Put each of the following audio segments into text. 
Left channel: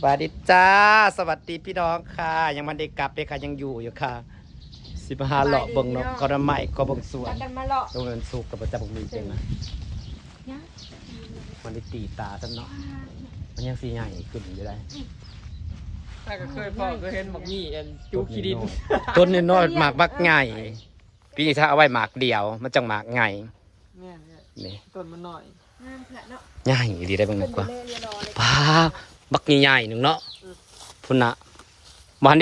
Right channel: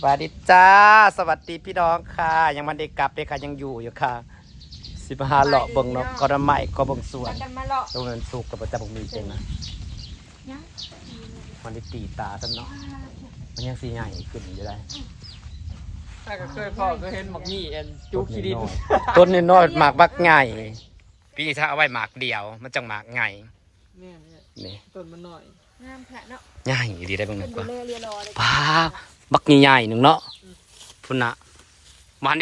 สวัสดีจ้าสวัสดีพี่น้องค่ะยังมันได้กลับเลยค่ะยังอยู่ค่ะสิบห้าเลาะเบิ่งนกกระไม้ก็เบิ่งสวนตรงนั้นสุกกับประจับมีเจงนะมันได้ตีตาซะเนาะมันยังสีใหญ่ขึ้นอยู่ได้ถ้าก็เคยพ่อก็เห็นหมักมี่เอ็นจูคีดินต้นน้อยหมากบักใหญ่พี่ถ้าเอาไว้หมากเดียวมันจังหมากใหญ่นี่ต้นมันหน่อยใหญ่ดีได้บ้างนะกว่าป้าบักใหญ่ๆหนึ่งเนาะพุ่นนะมัน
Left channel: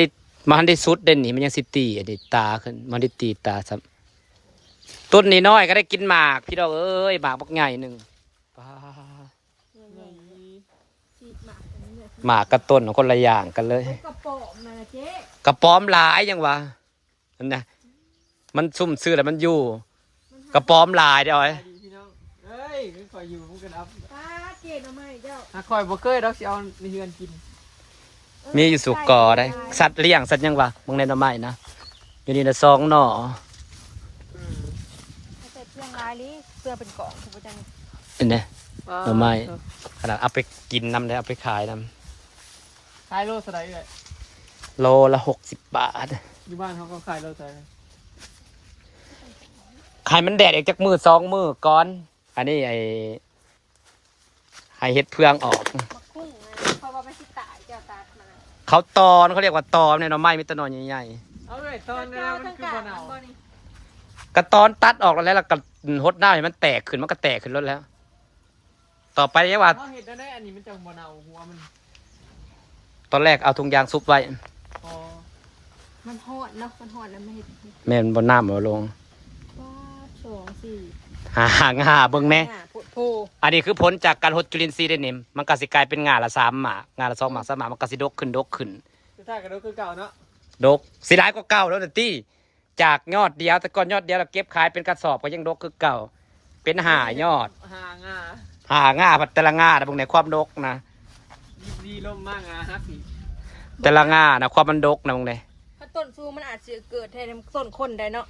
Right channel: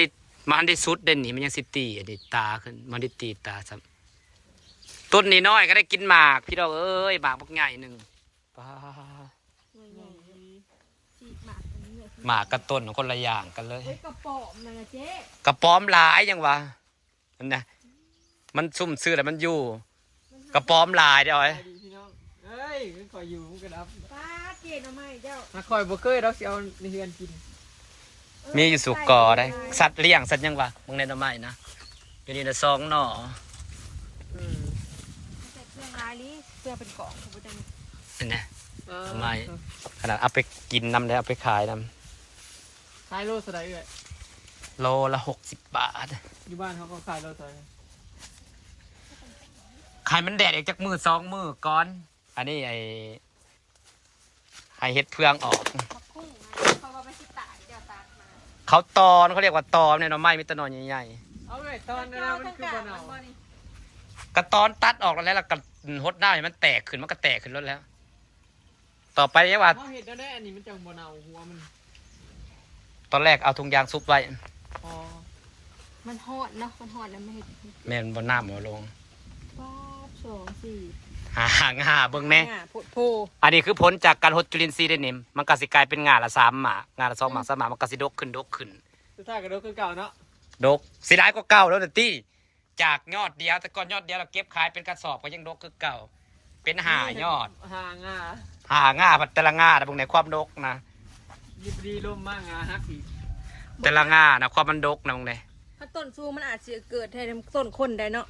ได้สุดเด่นนี่มันยังสิตีอันนี้ตาขึ้นมันได้ตีตาซ้ำต้นนี้น้อยก็ได้กินหมากพี่เราเอ้ยหมากบักใหญ่หนึ่งป้าหมากกับต้นคนละอย่างกันเลยกระป๋อมนะเจ๊กระป๋อมหลายยังวะนั่นนะมันซุ่มซื้อแล้วมันอยู่กระป๋อมหลายเดี๋ยวไอ้เฮ้ยคอยอยู่มันก็ดับป้าเจ๊ทำไมเจ้าคอยบ่เคยเราสิเอาในเฮือนกินมีอยู่สุกกอได้สัตว์เลี้ยงสัตว์ยังวะมึงในน้ำไม้นะอยู่นี่นะซองหน่อถ้าเกิดเที่ยงร้ายลิเพื่อเป็นกล่องถูกจังเป็นไงน้ำไม้ขนาดเอาไปกินน้ำได้เอาไปขายน้ขายโลสไลด์เลยโลละ60 บาทอยู่บ้านเขาก็ขายโลสไลด์ขายมันแดดอีกจากมือ2 มือก้อนอันนี้ไอ้เฮ็ดเพื่องออกเขาตอนเขาเรียกว่าตอนในน้ำไม้มีตะนอนใหญ่ๆเอาเลยตอนนี้มันคือบ่เน่ากระตอนตัดออกแล้วก็หดหน้าให้มันแตกขึ้นมันก็แตกขึ้นรถแล้วต่อไปเนี่ยว่าเห็ดได้อันนี้มันจังบ่เน่าหัวมันตอนแรกเอาถุงยางซุปไว้มันหอดเนาะมันหอดแล้วไม่เห็นแม่นบนน้ำเอาลง2 4หาเบิ่งแน่อันนี้คือผลจากการหดจุลินทรีย์ได้นิ่มมันก็สิกลายเป็นงาละ3 หมากงาละ2 หมาก3 หมากมันก็สิดกขึ้นสุดท้ายก็ดกคือเก่าเนาะดกสิหลายกว่าเก่าแล้วแต่ตี้จากยอดเดียวแต่ก่อนยอดเดียวเราเก็บขายเป็นกระสอบก็ยังดกคือเก่าเป็น5 ยอดหางาพัดแต่ละงาแต่พวกไหนความดกนะยิบดีลมมากงาฮักอีแต่ละงานะความมันดกนะพวกไหนถ้าต้นซูมันอาจจะเกิดให้ต้นคนได้เนาะ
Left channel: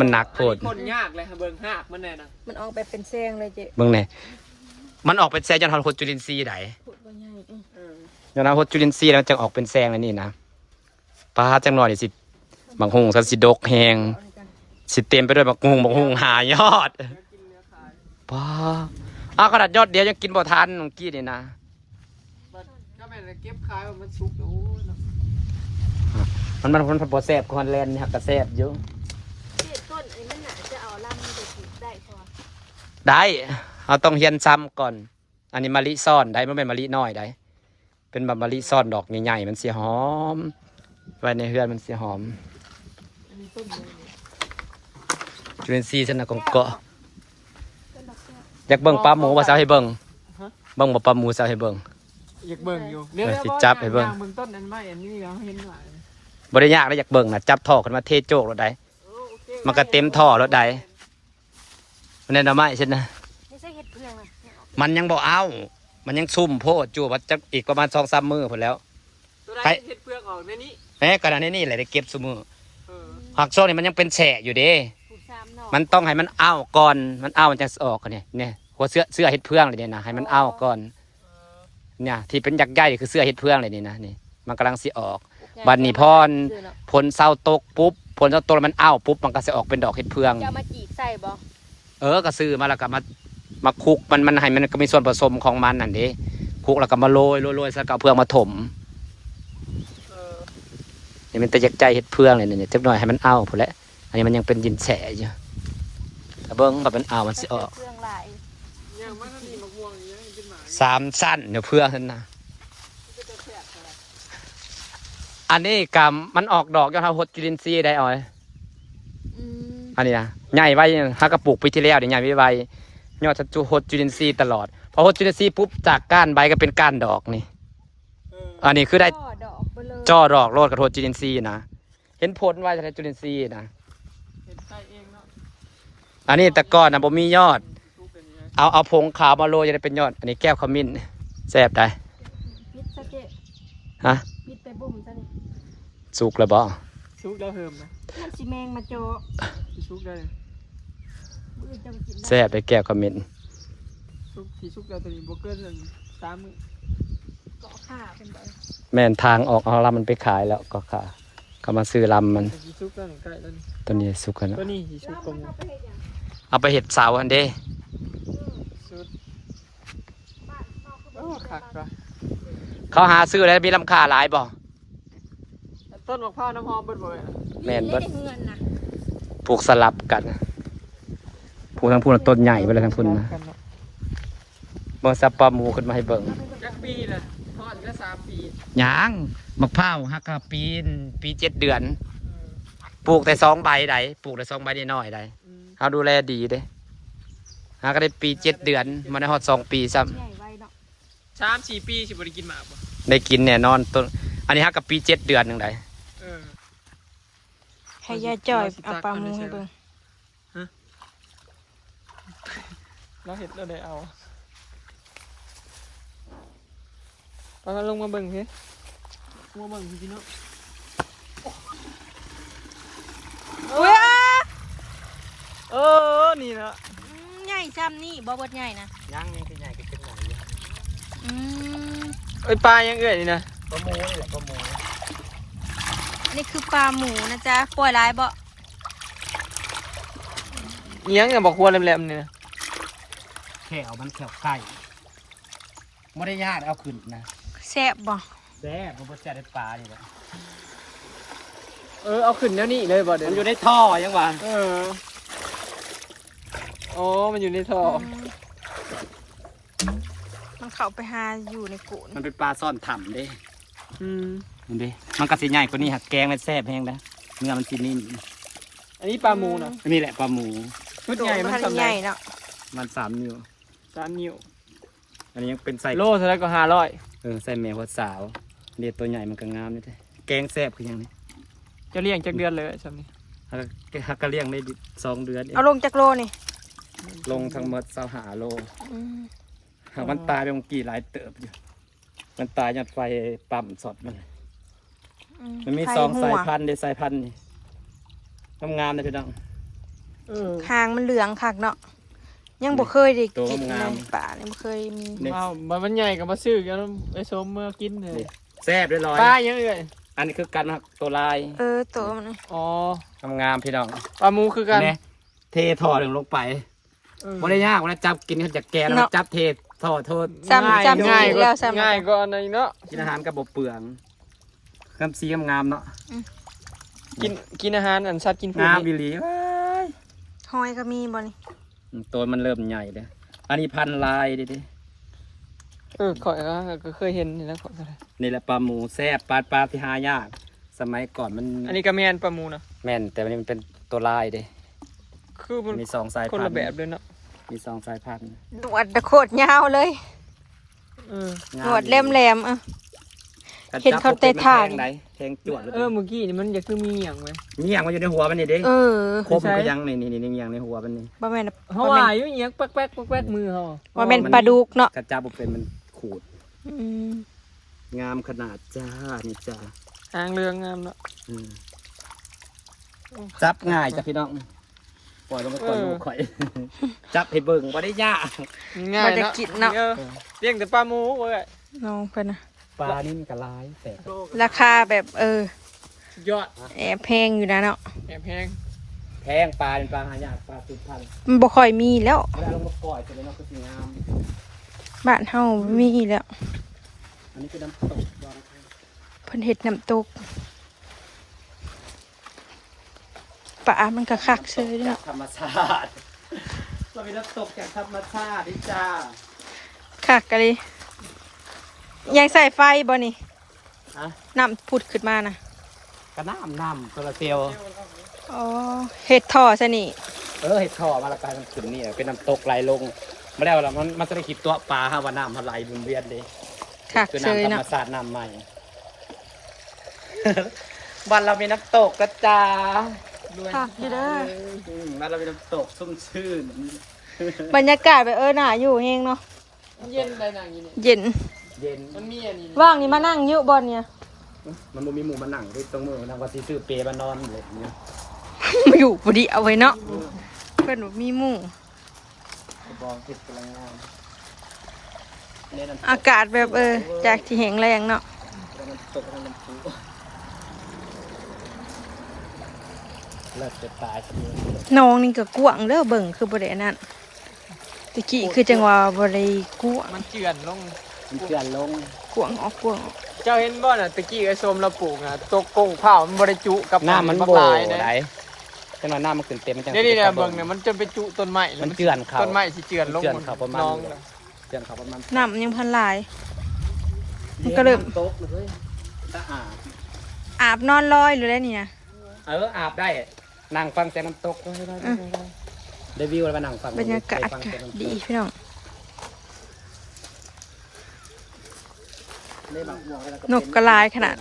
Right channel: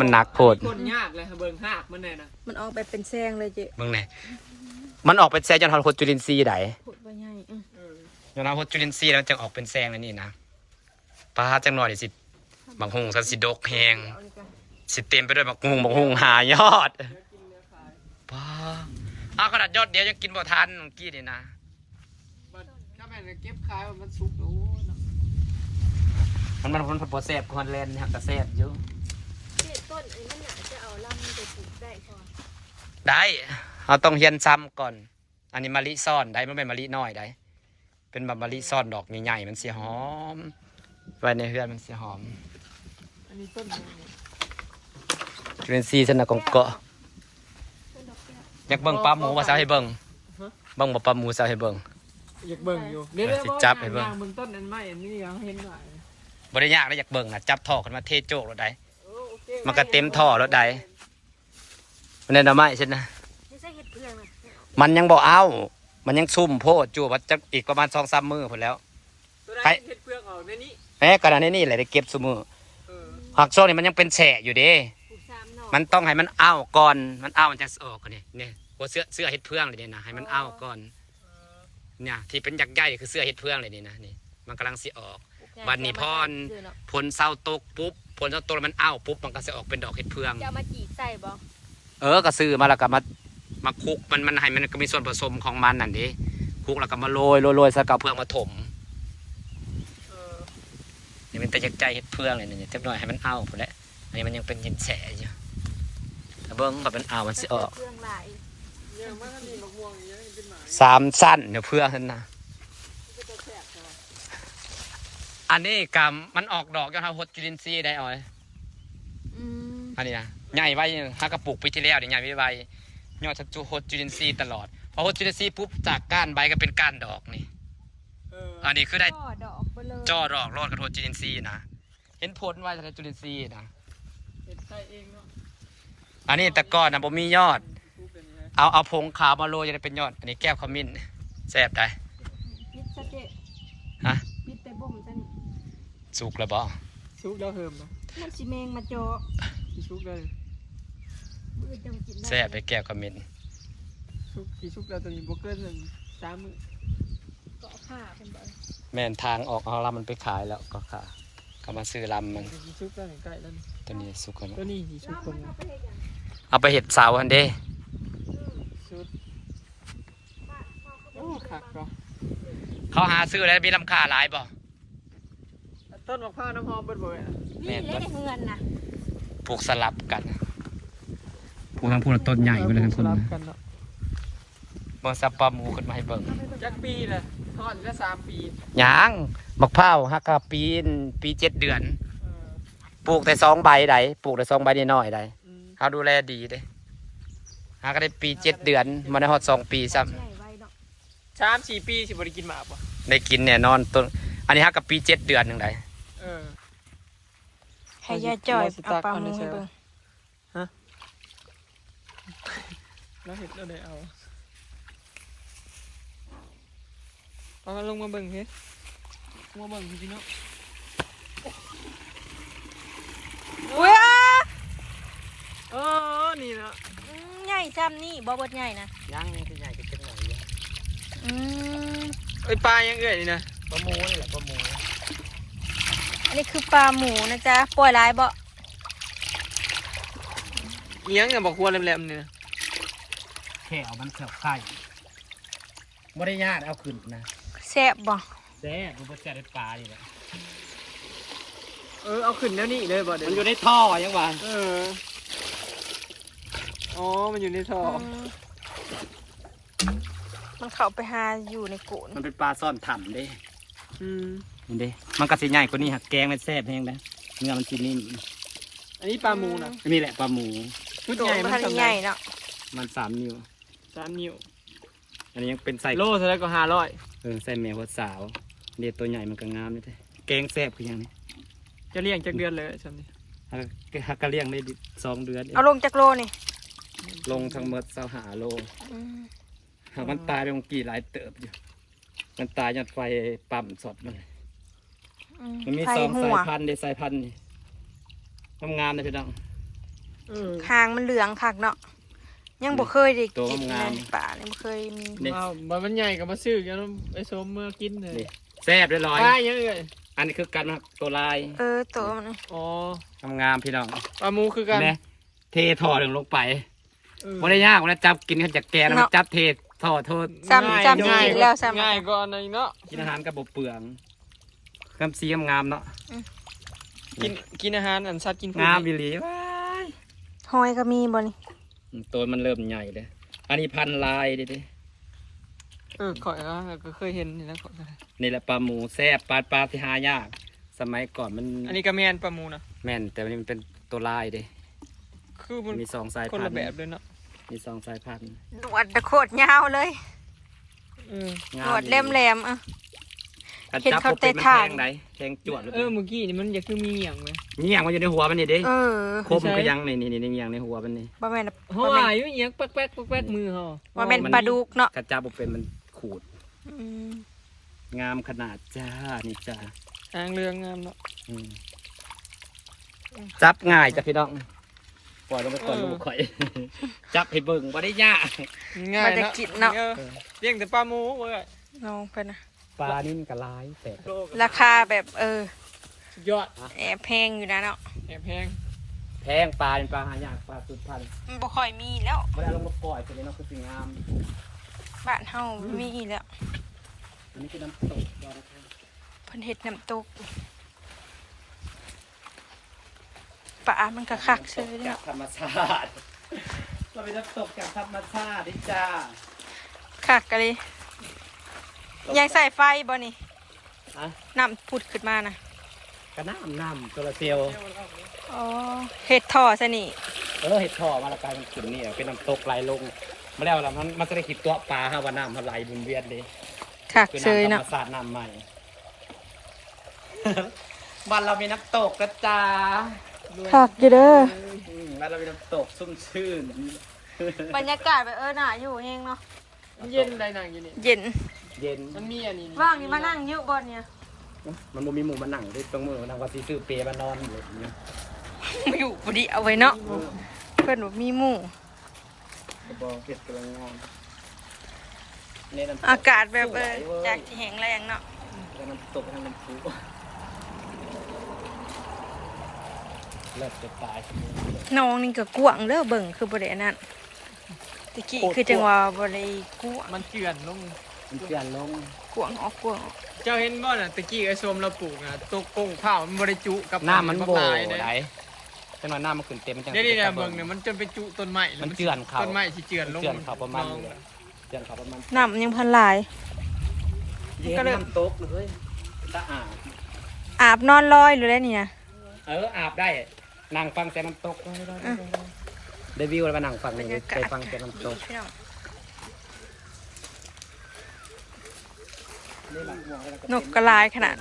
มันหนักโพดคนยากเลยเบิ่งหักมันแน่นะมันออกไปเป็นแซงเลยเจ๊เบิ่งไหนมันออกเป็นแซงจนทอนหดจุลินทรีย์ไหนจนทอนหดจุลินทรีย์แล้วจะออกเป็นแซงเลยนี่นะปลาจังหน่อยสิบางหงสันสิดกแหงสิเต็มไปด้วยบางหงหายอดปลาขนาดยอดเดียวยังกินบ่ทันเมื่อกี้นี่นะถ้าแม่เก็บขายมันสุกดูมันคนพอแซ่บคอนแลนด์นี่หักกระแซ่บอยู่ต้นอันนั้นน่ะจะเอาลำมันจะปลูกได้พอได้เราต้องเฮียนซ้ำก่อนอันนี้มะลิซ่อนได้ไม่เป็นมะลิน้อยได้เป็นแบบมะลิซ่อนดอกใหญ่ๆมันเสียหอมไว้ในเฮือนมันเสียหอมอันนี้ต้นจุลินทรีย์ชนะกองเกาะอยากเบิ่งปลาหมูภาษาให้เบิ่งบ่ปลาหมูภาษาให้เบิ่งอยากเบิ่งอยู่สิจับให้เบิ่งต้นอันไม้อันนี้ยังเห็นหน่อยบ่ได้ยากแล้วอยากเบิ่งนะจับท่อขึ้นมาเทโจกรถใดมันก็เต็มท่อรถใดมันได้ดอกไม้ใช่ไหมมันยังบอกเอามันยังซุ่มโพดจู่ว่าจะอีกประมาณ2-3 มื้อพอแล้วใครเห็ดเปลือกออกในนี้แม่กระดานนี่แหละได้เก็บซุมื้อหักโซ่นี่มันยังเป็นแฉะอยู่เด้มันต้องให้มันเอาก่อนมันเอามันจะออกกันเนี่ยหัวเสื้อเห็ดเพื่องเลยเนี่ยนะให้มันเอาก่อนเนี่ยที่เป็นยักษ์ใหญ่คือเสื้อเห็ดเพื่องเลยนี่นะนี่มันกำลังสิออกบัดนี้พรผลเศร้าตกปุ๊บผลเศร้าตกแล้วมันเอาปุ๊บมันก็จะออกเป็นดอกเห็ดเพื่องจะมาจีบใส่บ่ก็ซื้อมาแล้วก็มาคลุกมันให้มันก็มีส่วนผสมของมันนั่นดิคลุกแล้วก็มาโรยใส่กระเพื่องมาถมนี่มันแต่ยักษ์ใจเห็ดเพื่องเลยเนี่ยเจ็บหน่อยให้มันเอาพอแล้วอันนี้มันยังเป็นยินแฉะอยู่แต่เบิ้งก็เป็นเอามันสิออก3 สั้นเดี๋ยวเพื่องนั่นนะอันนี้กำมันออกดอกยอดหดจุลินทรีย์ได้อ้อยอันนี้นะใหญ่ไว้ถ้ากระปุกปีที่แล้วเนี่ยใหญ่ไว้ยอดจะหดจุลินทรีย์ตลอดพอหดจุลินทรีย์ปุ๊บจากก้านใบก็เป็นก้านดอกนี่อันนี้คือได้จ่อดอกโรดกระโดดจุลินทรีย์นะเห็นผลไว้ในจุลินทรีย์นะอันนี้แต่ก่อนนะผมมียอดเอาผงขาวมาโรยจะได้เป็นยอดอันนี้แก้วขมิ้นแซ่บได้ฮะสุกแล้วบ่สุกแล้วเหิมนะมันสิแมงมาโจสุกเลยแซ่บไปแก้วขมิ้นสุกแล้วตัวนี้บวกเกิน3 มื้อ เกาะขาเป็นใบ แม่นทางออกเอาลำมันไปขายแล้วก็ขาเขามาซื้อลำมัน สีชุกก็ใกล้แล้วนี่ ตัวนี้สุกกัน ตัวนี้สีชุกตรง เอาไปเห็ดเสาอันเด้ ชุดโอ้ขักปะ เขาหาซื้อแล้วมีลำค่าหลายบ่ ต้นมะพร้าวน้ำหอมเบิดบ่อย แม่นเบิด เงินนะ ปลูกสลับกันปลูกทั้งพูนต้นใหญ่ไปเลยทั้งพูนนะบ่ซับปลาหมูขึ้นมาให้เบิ่ง จักปีละทอดละ3 ปี หยางมะพร้าวฮักกะปี7 เดือน ปลูกแต่2 ใบใดปลูกแต่2 ใบน้อยๆใดเขาดูแลดีเด้ฮักก็ได้ปี 7 เดือนมาได้ฮอด2 ปีซ้ ใหญ่ใบเนาะ 3-4 ปีสิบ่ได้กินหมากป่ะ ำได้กินแน่นอนต้นอันนี้ฮักกับปี 7 เดือนนึงได เออ ให้ยายจ่อยเอาปลาหมูให้เบิ่ง แล้วเห็ดเราได้เอาเอาลงมาเบิ่งสิมาเบิ่งสิพี่น้อง อุ้ย เออนี่นะ ใหญ่ซ้ำนี่บ่เบิดใหญ่นะ ย่างนี่คือใหญ่ก็เป็นหน่อยเยอะ อืม ไอ้ปลายังเอื่อยนี่นะ ปลาหมูนี่แหละปลาหมู นี่คือปลาหมูนะจ๊ะปล่อยลายบ่ อีหยังเนี่ยบอกครัวแหลมๆนี่นะ แค่เอามันแขวไข่ไม่ได้ญาติเอาขึ้นนะ แซ่บบ่ แซ่บมันบ่แซ่บได้ปลานี่แหละ เอาขึ้นแล้วนี่เลยบ่เดี๋ย มัน ว อยู่ในท่อยังวะ อ๋อมันอยู่ในท่อ มันเข้าไปหาอยู่ในโกน มันเป็นปลาซ่อนถ่ำเด้ อืม มันเด้มันก็สิใหญ่กว่านี้หักแกงมันแซ่บแห้งนะเนื้อมันสินิ่ม อันนี้ปลาหมูเนาะ นี่แหละปลาหมู ชุด โด ใหญ่ น มัน พัน สำ ใหญ่เนาะ มัน3 นิ้ว 3 นิ้ว อันนี้ยังเป็นใส่ โลเท่าไรก็500 ใส่แมวหัวสาวเด็ดตัวใหญ่มันก็งามนี่เด้แกงแซ่บคือหยังนี่ จะเลี้ยงจักเดือนเลยใช่ไหม ฮักกะเลี้ยงได้2 เดือนเอง เอาลงจากโลนี่ ลงทั้งหมด25 โล อืม หากมันตายไปมันกี่หลายเติบอยู่มันตายยัดไฟปั๊มสดมันมี ไข่ 2 หั สายว พันธุ์เด้สายพันธุ์นี่งามๆนะพี่น้อง หางมันเหลืองคักเนาะยังบ่เคยได้ ตัว กิน งาม เลยป่านี่บ่เคยมี นี่ อ้าวมันใหญ่กับมาซื้อกันไอ้สมเมื่อกินเลย นี่แซ่บเรียบร้อย ปลายังเลย อันนี้คือกันครับตัวลาย ตัวมัน อ๋อ งามๆพี่น้อง ปลาหมูคือกัน แม่เทท่อลงไปไม่ได้ยากวันจับกินกันจากแกแล้วจับเทท่อโทษ ซ้ำอีกแล้วซ้ำ ง่ายก็ในเนาะ กินอาหารกับบเปลืองกำซีงามๆเนาะ กินอาหารอันชัดกิน งามวิลี หอยก็มีบ่นี่ ตัวมันเริ่มใหญ่เลยอันนี้พันลายดิ ข่อยก็เคยเห็นนี่แล้วข่อย นี่แหละปลาหมูแซ่บปลาที่หายาก สมัยก่อนมัน อันนี้ก็แมนปลาหมูนะ แม่นแต่วันนี้มันเป็นตัวลายเด้ คือมัน มี2 สาย คน พัน ละ ธุ์ แบบเลยเนาะ มี2 สายพันธุ์ หนวดตะโคตรยาวเลย หนวดแหลมๆเห็นเขาเตะถ่าน แทงแทงจวด เมื่อกี้นี่มันจะคือมีอย่างไหม นี่อย่างมันอยู่ในหัวมันนี่เด้ คม ใช่ ก็ยังนี่อย่างในหัวมันนี่ บ่แม่น เขาว่าอยู่เอียงแป๊กมือเขา ว่าแม่นปลาดุกเนาะ กระจับบ่เป็นมันขูด อืม งามขนาดจ้านี่จ้า หางเรืองงามเนาะ อืมจับง่ายจ้ะพี่น้องปล่อยลงไปก่อนลูกข่อย จับให้เบิ่งบ่ได้ยาก ง่าย มันจะกินเนาะ เลี้ยงแต่ปลาหมูเว้ย น้องเพิ่นน่ะ ปลานี่มันก็หลายแต่ ราคาแบบสุดยอด แอบแพงอยู่นะเนาะ แอบแพง แพงปลาเป็นปลาหายากปลาสุดพันธุ์ มันบ่ค่อยมีแล้ว เวลาลงมาปล่อยตัวนี้เนาะคือสิงาม บ้านเฮามีแล้ว อันนี้คือน้ำตกยอดนะครับ เพิ่นเฮ็ดน้ำตกปลามันก็คักเซย จา เนาะ กธรรมชาติเราเป็นน้ำตกจากธรรมชาตินี่จ้า คักกะเลยยังใส่ไฟบ่นี่ ฮะ น้ำพุดขึ้นมานะ กระน้ำตัวละเทียว อ๋อเฮ็ดท่อซะนี่ เห็ดท่อมาละกายมันขุ่นนี่เป็นน้ำตกไหลลงไม่ได้เอาละมันจะได้ขีดตัวปลาฮะว่าน้ำมันไหลบุนเวียนเลย คัก คือ เซย น้ำธร เนาะ รมชาติน้ำใหม่ บ้านเรามีน้ำตกกระจา คักอยู่เด้อ บ้านเรามีน้ำตกชุ่มชื่น บรรยากาศแบบน่าอยู่เฮงเนาะ เย็นได้นางอยู่นี่ เย็น เย็น มันมีอันนี้ ว่างนี่มานั่งอยู่บ่เนี่ย มันบ่มีหมูมันหนังที่ตรงมือมันนั่งว่าสิซื้อเปรย์มานอนเลยเนี่ย มาอยู่พอดีเอาไว้เนาะเพิ่นบ่มีหมู่ กระบองเก็บกำลังงาม เนี่ยน้ำตก อากาศแบบจากที่แห้งแรงเนาะ แล้วมันตกลงน้ำพุเลิศจะตายสักนิด น้องนี่ก็กว้างเด้อเบิ่งคือบ่ได้อันนั้นตะกี้คือจังว่าบ่ได้กว้าง มันเกลื่อนลง มันเกลื่อนลง กว้างออกกว้างออก เจ้าเห็นบ่น่ะตะกี้ไอ้ส้มเราปลูกน่ะตกกงข้าวมันบ่ได้จุกับ หน้ามัน บัก โบ หลายเด้ ไหนจังหวะหน้ามันขึ้นเต็มมันจัง นี่ๆเบิ่งเนี่ยมันจนไปจุต้นไม้ มันเจือนเขา ต้นไม้สิเจือนลง เจือนเขาประมาณ น้อง นี้เจือนเขาประมาณ น้ำยังพันหลาย มันก็เลย น้ำตกเลยสะอาด อาบนอนลอยหรืออะไรนี่นะ อาบได้นั่งฟังแต่น้ำตกได้วิวแล้วมานั่งฟัง บรรยากาศ ไปฟังแต่น้ำต ดี ก พี่น้อง ได้หมักหมวแล้ว นกกระลายขนาด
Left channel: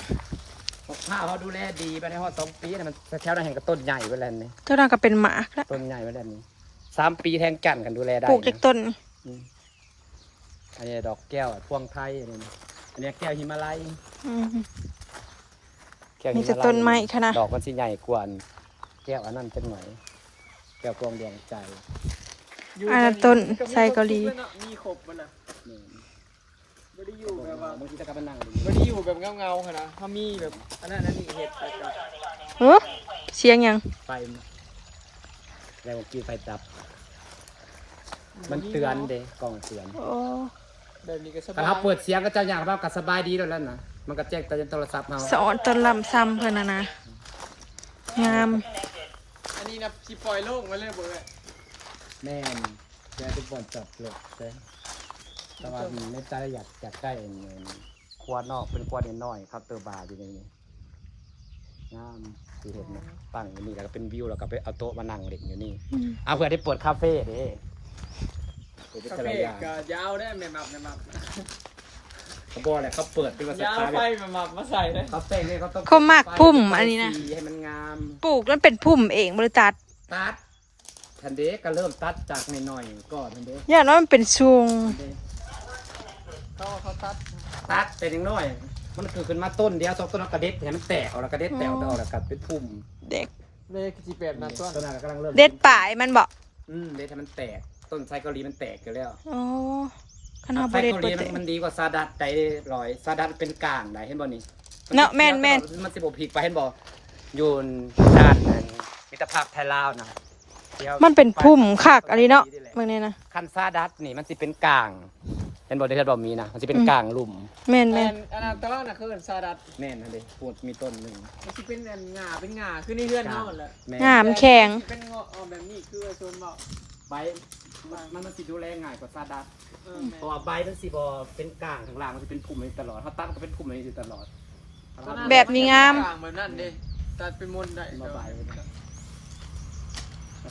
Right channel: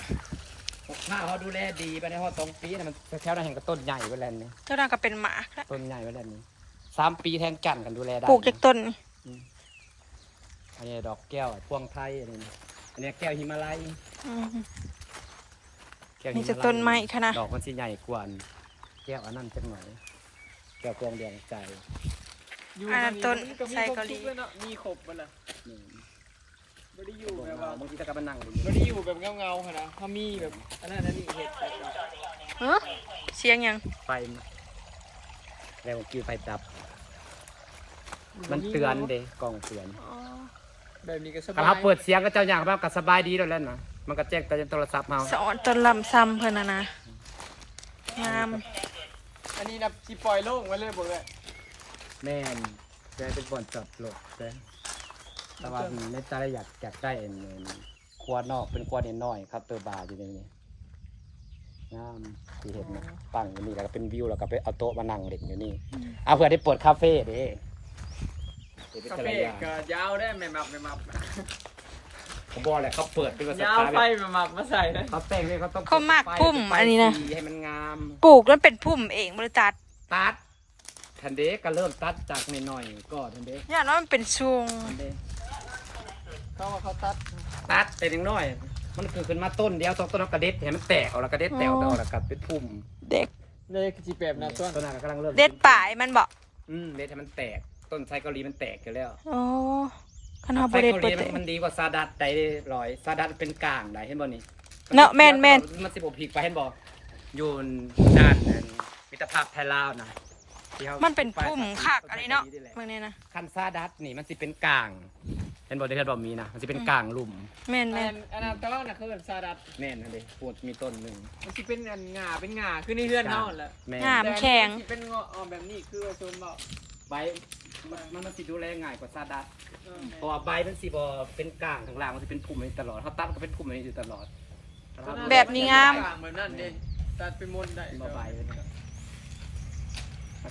ข้าวเขาดูแลดีไปในฮอด2 ปีนะมันแถวนั้นแห่งกับต้นใหญ่ไปแล้วนี่ เจ้าน้าก็เป็นหมาแล้ว ต้นใหญ่ไปแล้วนี่3 ปีแทงกันกันดูแลได้ ปลูกจากต้น อันนี้ดอกแก้วพวงไทยอันนี้แก้วหิมาลัย อืม แก้ว มี หิ แต่ มาลัย ต้นไม้ขนาด ดอกมันสิใหญ่กว่าแก้วอันนั้นจังไหนแก้วกวงดวงใจ อันนั้นต้นไซเกาหลี มีครบบ่ล่ะ นี่ บ่ได้อยู่แบบว่า บางทีตะกับมันนั่งดิ บ่ได้อยู่แบบเงาๆขนาดถ้ามีแบบอันนั้นอันนี้เฮ็ด เฮ้เสียงหยัง ไฟมาแล้วผมกินไฟดับ มันเตือนเด้กล้องเตือน โอ้ แบบนี้ก็สบาย ถ้าเราเปิดเสียงก็เจ้าอย่างเราก็สบายดีแล้วนะมันก็แจ้งเตือนโทรศัพท์เรา สอนต้นลำซ้ำเพิ่นน่ะนะงาม อันนี้นะสิปล่อยโล่งมาเลยบ่เลย แม่นจะเป็นบ่อนจับหลบเด้แต่ว่าในใจอยากได้ครัวนอกเป็นครัวน้อยครับเตอร์บาร์อยู่ในนี้งามที่เห็นนะตั้งอยู่นี่แล้วก็เป็นวิวแล้วก็ไปเอาโต๊ะมานั่งเล่นอยู่นี่เอาเพื่อได้เปิดคาเฟ่เด้เปิดเป็น กา แต่ แฟ ละอย่าง ก็ยาวได้แม่มับ เขาบอกแหละเขาเปิดเป็นภาษาย าว ไทย ไฟแม่มับมาใส่เลย เขาแต่งนี่เขาต้อง เขามากพุ่มอันนี้นะ สีให้มันงาม ปลูกแล้วเป็นพุ่มเองบริษัท ตัดทันเดก็เริ่มตัดจากหน่อยๆก่อนทันเด อย่างน้อยมันเป็นชุง ทันเด เขาตัด ตัดแต่ยังน้อย มันคือขึ้นมาต้นเดียว2 ต้นแล้วกระเด็ดเห็นมันแตกออกแล้วกระเด็ดแตกออกแล้วก็เป็นพุ่ม เด็ก เลยสิแบบนั้นต้น ต้นนั้นก็กำลังเริ่ม เด็ดป่ายมันบอก เด็ดให้มันแตกต้นไทรเกาหลีมันแตกอยู่แล้ว อ๋อคันหา ไท บ ร เด็ด เกาห เปิ ลี ดเตะ มันดีกว่าซาดัดได้ลอยซาดัดเป็นกลางได้เห็นบ่นี่ เนาะแม่น มันสิบ่พลิกไปเห็นบ่อยู่ด้านมิตรภาพไทยลาวนะดี๋ยว มันเป็นพุ่มคักอะไรเนาะเมื่อนี้นะ คันซาดัดนี่มันสิเป็นกลางเห็นบ่ได้เห็นบ่มีนะมันสิเป็นกลางหลุม แม่น อันนั้นตะวันน่ะคือซาดัด แม่นนะเด้พูดมีต้นหนึง มันสิเป็นอันงาเป็นงาคือในเรือนเฮาแหละ แม่น งามแข็ง สิเป็นงอแบบนี้คือโซนบ่ ใบมันสิดูแลง่ายกว่าซาดัดเพราะว่าใบมันสิบ่เป็นกลางข้างล่างมันสิเป็นพุ่มอยู่ตลอดเขาตัดก็เป็นพุ่มอยู่ตลอด แบบนี้งาม เหมือนนั่นเด้ตัดเป็นมนต์ได้ เป็นมาใบเลยนะ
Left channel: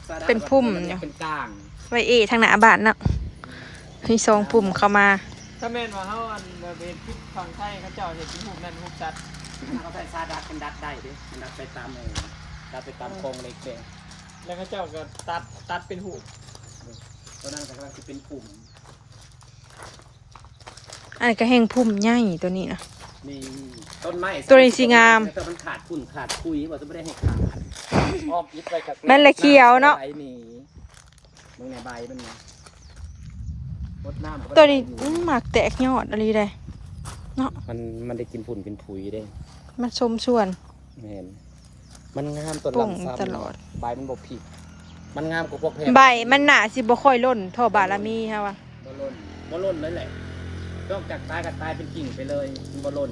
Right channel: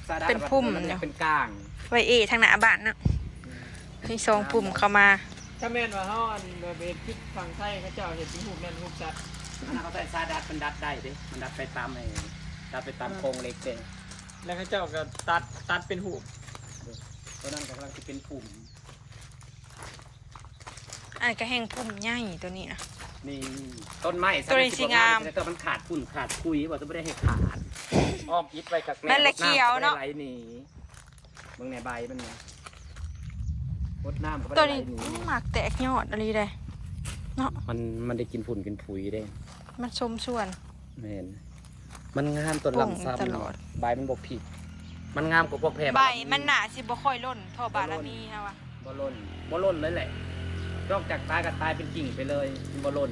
ซาดัด เป็นพุ่ม นเป็นกลาง ไว้ทางหน้าบ้านเนาะมีสองพุ่มเข้ามา ถ้าแม่นว่าเฮาอันเบนคือฝั่งไทยเขาเจ้าเฮ็ดเป็นรูปแม่นรูปสัตว์ เขาใส่ซาดัดมันดัดได้เด้มันดัดไปตามดัดไปตามโครงเหล็กเด้ แล้วเขาเจ้าก็ตัดเป็นหูป ตอนนั้นกำลังจะเป็นปุ่ม อันนี้ก็แห้งพุ่มใหญ่ตัวนี้นะ นี่ต้นไม้ ตัวนี้สิงาม แต่มันขาดฝุ่นขาดคุยว่าจะไม่ได้ให้ขาดอ้อมยิบไปกับ แม่นละเขียวเนาะ ไหลหนีมึงในใบมันนะรดน้ำก็บ่ได้ ตัวนี้ ไหลห หมากแตกยอดอะไรได้เนาะ มันได้กินฝุ่นกินผุยได้ มันชมส่วน เห็นมันงามต้น ปลูก ลำซ้ำ ตลอด ใบมันบกผิดมันงามกว่าพวกแพร ใบมันหนาสิบ่ค่อยล่นเท่าบารมีค่ะวะ บ่ล่นเลยแหละนอกจากตายก็ตายเป็นกิ่งไปเลยมันบ่ล่น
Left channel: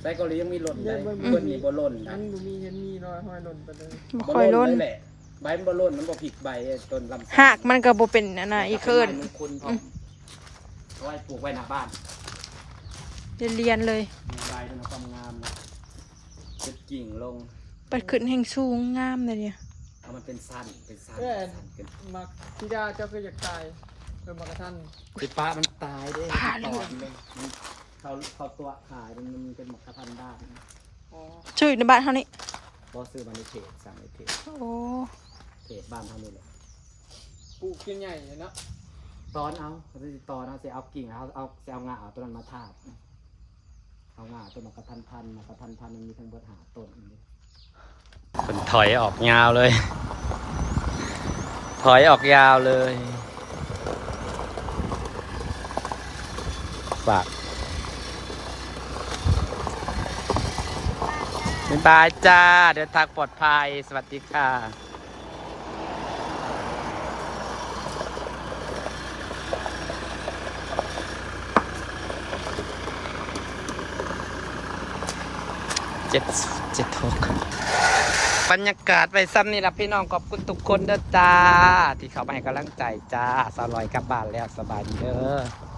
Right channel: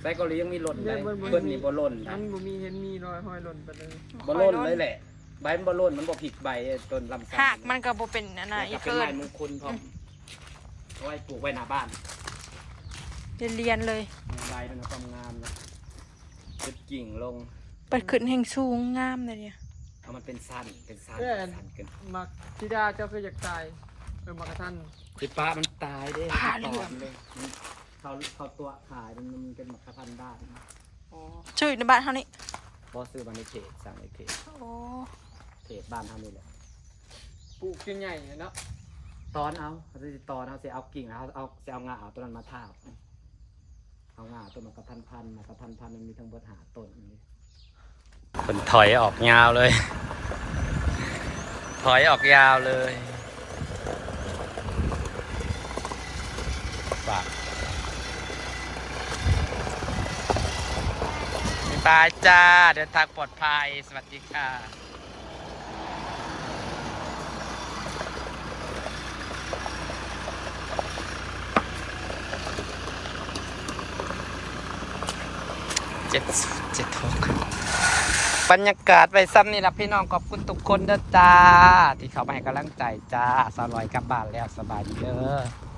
ไซเกาหลียังมีล่นได้เพิ่นนี่บ่ล่น อั นะ นบ่มีเห็นมีรอยห้อยหล่นไปเลย บ่ บ่ ค่อย ล่น ล่น เลยแหละใบมันบ่ล่นมันบ่ผิดใบต้นลำไส้ หากมันก็บ่เป็นอันน่ะอีกเกิน เป็นไม้มงคลพร้อมเอาไว้ปลูกไว้หน้าบ้าน เรียนเลย มีใบด้วยนะความงามนะจุดกิ่งลง ปัดขึ้นแห่งสูงงามเลยเนี่ย เอามันเป็นสั้นสั้นขึ้น มักธิดาเจ้าก็อยากตายมากระทัน คือปลามันตายได้ตอดเลยมันเขาตัวขายมันเป็นหมกกระพันด้าน ชื่อในบ้านเท่านี้ บอซื้อมาในเพจสั่งในเพจ โอ้ เพจบ้านเท่านี้แหละ ปลูกเป็นใหญ่เนาะ ตอนเอาเขาจะตอนเอาจะเอากิ่งเอาจะเอางาเอาต้นนั้นมาทาบเอางาต้นมากระพันพันมากระพันพันมันมีทั้งเบิดหาต้นคนถอยออกยาวเลย ถอยออกยาวเลย ฝากบ๊ายบายจ้าเดินทางปลอดภัยสวัสดีค่ะบรรยากาศไปซ้ำนี่ละพี่น้องขอบคุณทุกคนเด้อจ้าที่เขามาให้กำลังใจจ้าสลอยกลับบ้านแล้วสบายดีเด้อ